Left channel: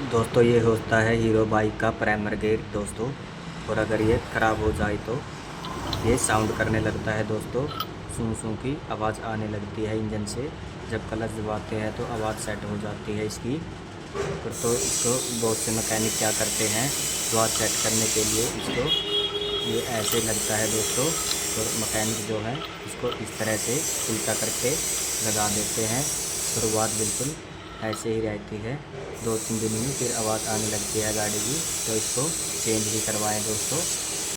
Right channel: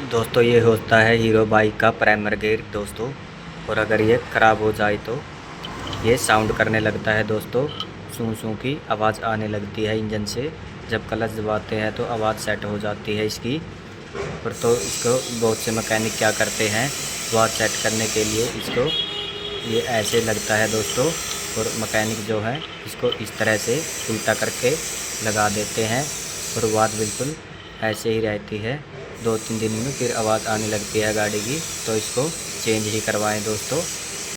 दोस्तों ये होता है हीरो बाइक का प्राइमर गेयर दोस्तों। और अगर ये ख़राब हो जाए तो ये साउंड करने लगता है दोस्तों। सूं सूं की आवाज़ आने लगती है इंजन से। जब क्लच दबाते हैं तो आवाज़ सेट हो जाती है इसकी। और तो इसको बहुत से मैकेनिक क्या करते हैं, आवाज़ सेट करने के लिए इसको ये ऐसे लगता है दोस्तों। और मैकेनिक जो है इसको इस तरह से उल्टा करके लगा देते हैं और आवाज़ बिल्कुल ऐसे ही रहती है। 2-3 दिन में फिर आवाज़ आने लगती है गाड़ी की, तो इसको चेंज ही करवाएं दोस्तों।